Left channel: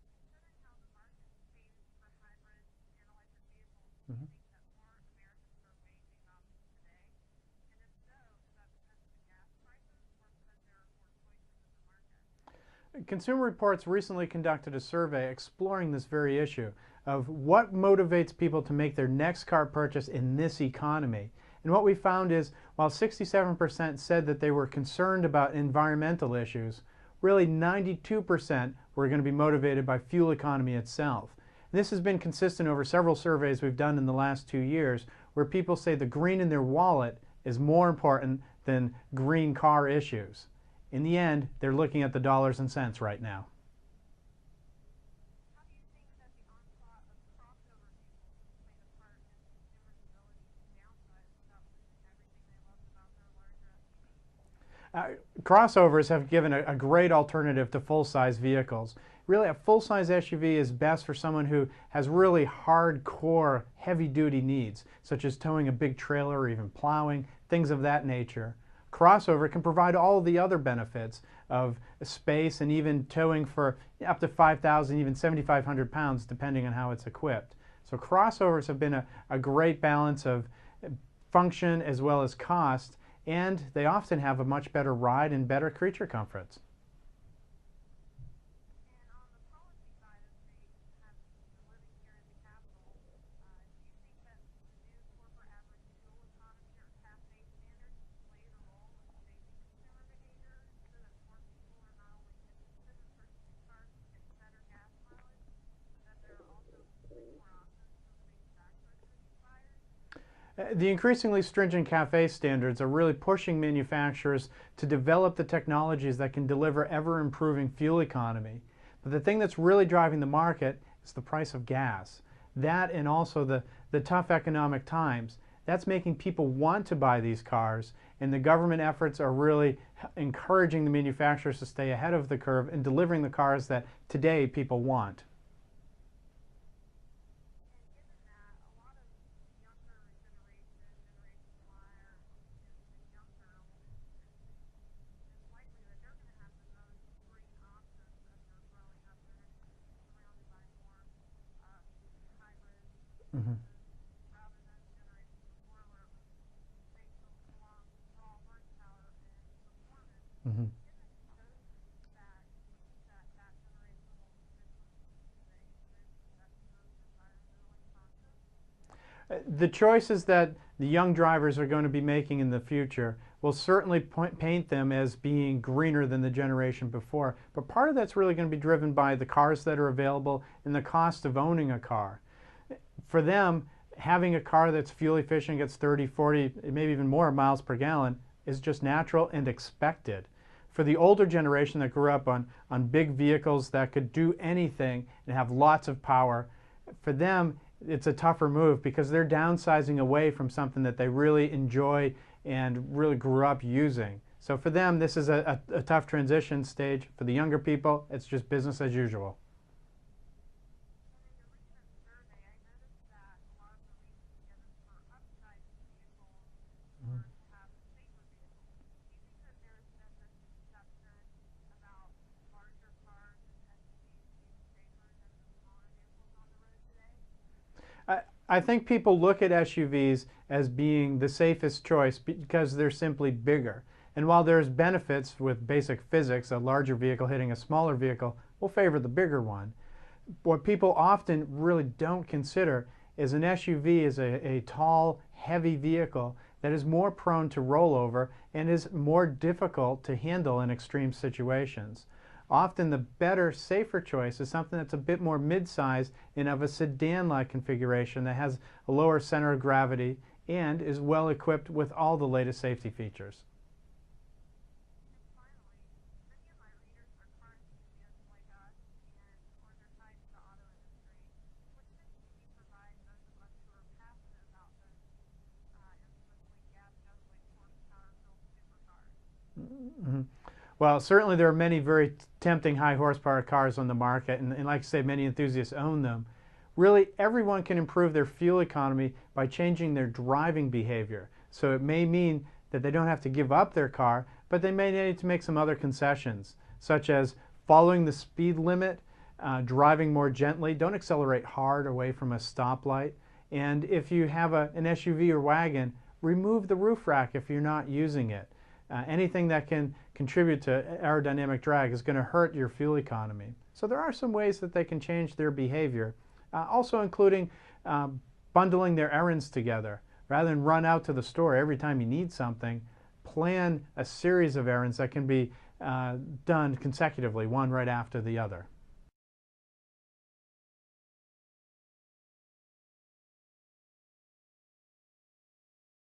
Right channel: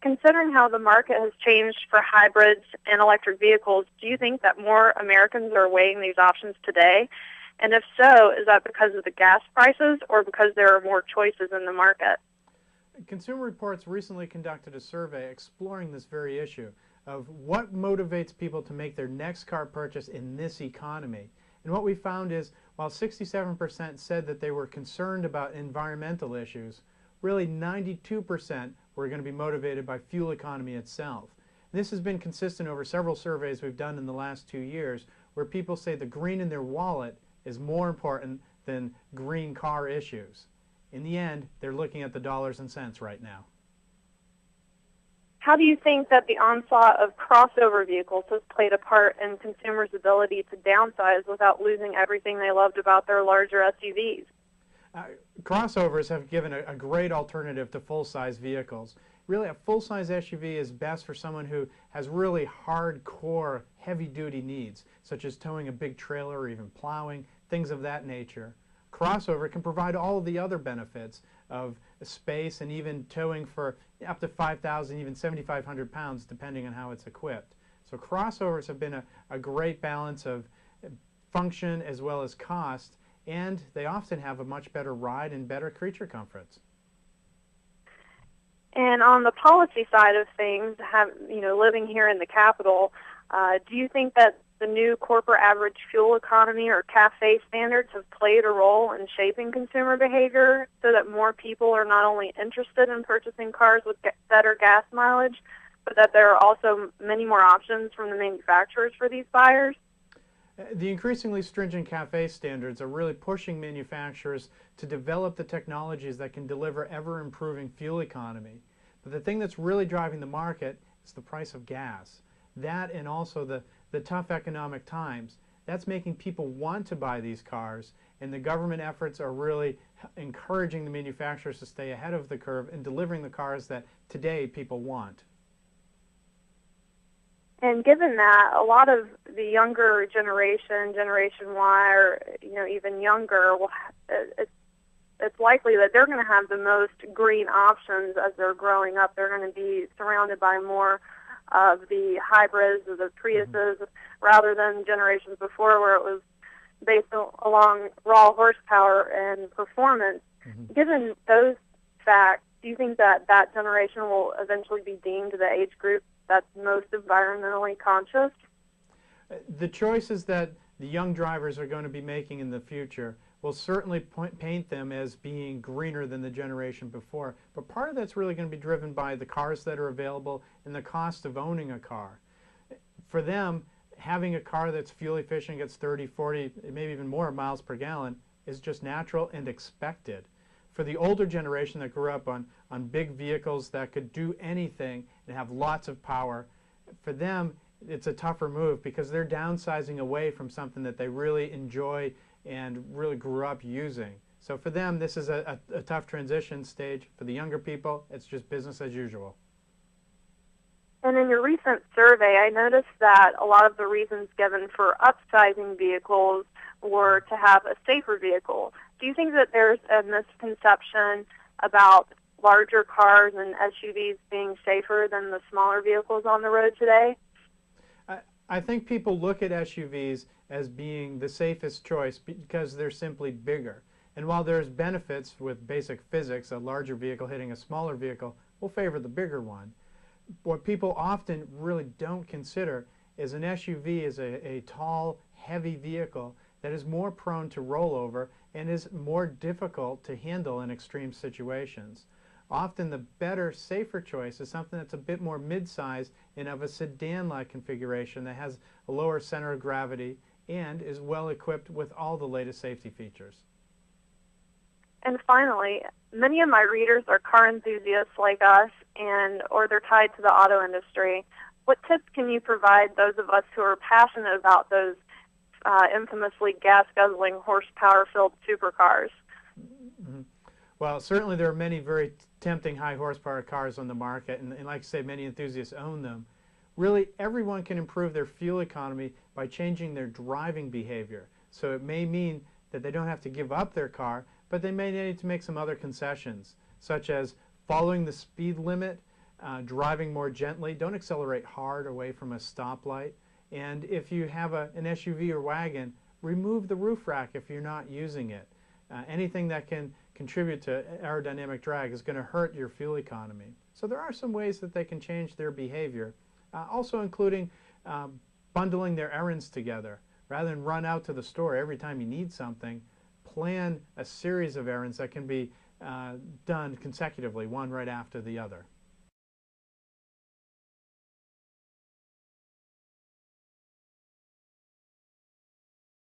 Considering how the market has changed for hybrids and electric vehicles, do you think that more Americans are weighing these options today? And if so, is that because of the gas prices or because there are more choices in the market? Consumer Reports recently conducted a survey exploring this very issue of what motivates people to make their next car purchase in this economy. And what we found is, while 67% said that they were concerned about environmental issues, really 92% were going to be motivated by fuel economy itself. And this has been consistent over several surveys we've done in the last 2 years, where people say the green in their wallet is more important than green car issues. In the end, they're looking at the dollars and cents right now. How do you think that the onslaught of crossover vehicles has played a part in consumers' ability to downsize without losing everything they loved about their larger SUVs? Crossovers have given a great alternative to full-size vehicles. Really, a full-size SUV is best for someone who has really hardcore, heavy-duty needs, such as towing a big trailer or even plowing, things of that nature. Crossover can provide all the other benefits of space and even towing for up to 5,000, even 7,500 pounds, depending on how it's equipped. So crossovers have been a great balance of function as well as cost, and they often have a much better ride and better creature comforts. And on the policy side of things, living here in the capital, do you think that the new corporate average fuel economy or CAFE standards have played a role in shaping consumer behavior so that more people are not only interested in purchasing cars with better gas mileage, but that there are also many more options from the manufacturers for these buyers? The increasingly stringent CAFE standards are really pushing manufacturers to develop the technologies that can deliver ever-improving fuel economy. But the thing that's really driving the market is the price of gas. That and also the tough economic times. That's making people want to buy these cars, and the government efforts are really encouraging the manufacturers to stay ahead of the curve and delivering the cars that today people want. And given that, a lot of the younger generation, Generation Y, or even younger, it's likely that they're going to have the most green options as they're growing up. They're going to be surrounded by more of the hybrids or the Priuses rather than generations before where it was based along raw horsepower and performance. Given those facts, do you think that that generation will eventually be deemed the age group that's most environmentally conscious? The choices that the young drivers are going to be making in the future will certainly paint them as being greener than the generation before. But part of that's really going to be driven by the cars that are available and the cost of owning a car. For them, having a car that's fuel efficient, gets 30, 40, maybe even more miles per gallon is just natural and expected. For the older generation that grew up on big vehicles that could do anything and have lots of power, for them it's a tougher move because they're downsizing away from something that they really enjoy and really grew up using. So for them, this is a tough transition stage. For the younger people, it's just business as usual. And in your recent survey, I noticed that a lot of the reasons given for upsizing vehicles were to have a safer vehicle. Do you think that there's a misconception about larger cars and SUVs being safer than the smaller vehicles on the road today? I think people look at SUVs as being the safest choice because they're simply bigger. And while there's benefits with basic physics, a larger vehicle hitting a smaller vehicle will favor the bigger one. What people often really don't consider is an SUV is a tall, heavy vehicle that is more prone to rollover and is more difficult to handle in extreme situations. Often the better, safer choice is something that's a bit more mid-sized and of a sedan-like configuration that has a lower center of gravity and is well equipped with all the latest safety features. And finally, many of my readers are car enthusiasts like us, or they're tied to the auto industry. What tips can you provide those of us who are passionate about those infamously gas-guzzling, horsepower-filled supercars? Well, certainly there are many very tempting high horsepower cars on the market, and like I say, many enthusiasts own them. Really, everyone can improve their fuel economy by changing their driving behavior. So it may mean that they don't have to give up their car, but they may need to make some other concessions, such as following the speed limit, driving more gently. Don't accelerate hard away from a stoplight. And if you have an SUV or wagon, remove the roof rack if you're not using it. Anything that can contribute to aerodynamic drag is going to hurt your fuel economy. So there are some ways that they can change their behavior, also including bundling their errands together. Rather than run out to the store every time you need something, plan a series of errands that can be done consecutively, one right after the other.